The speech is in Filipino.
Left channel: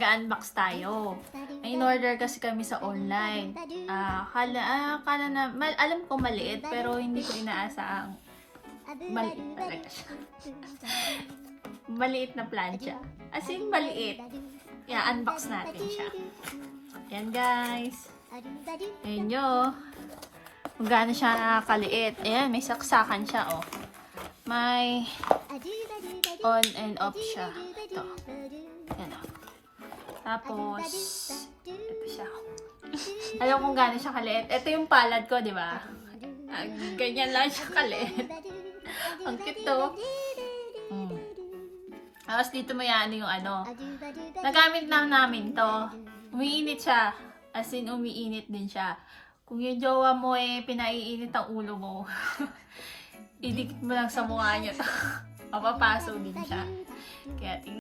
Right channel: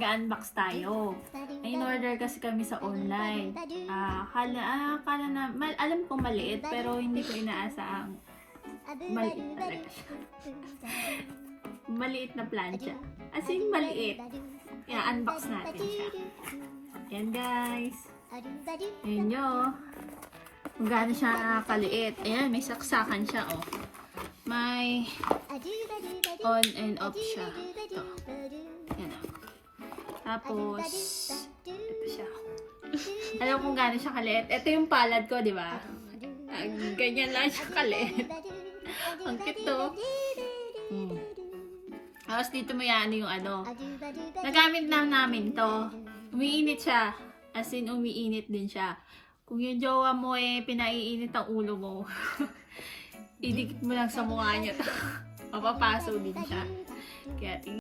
Ga-unbox tayo. In-order kasi kami sa online. Kala na, alam ko maliit, pero hindi ko inaasa ang maliit na plancha. As in, maliit. Unbox natin siya. Yan guys. Ayun nyo. Kung gaano siya nakakaliit. Ayan, may saksakan siya, oh. May on and off siya. Ito. Ayan, oh. Tapos, ito siya. Alam kung gaano siya kaliit. Ito yung palad ko, di ba? Ganyan lang siya kaliit. Ang cute to. Tapos dito mo yan yung ano. Nagamit lang namin to. Umiinit siya. As in, umiinit din siya. Kung yung jowa mo pinaiinit ang ulo mo, idikit mo lang sa mukha niya. Mapapaso din siya. Kaya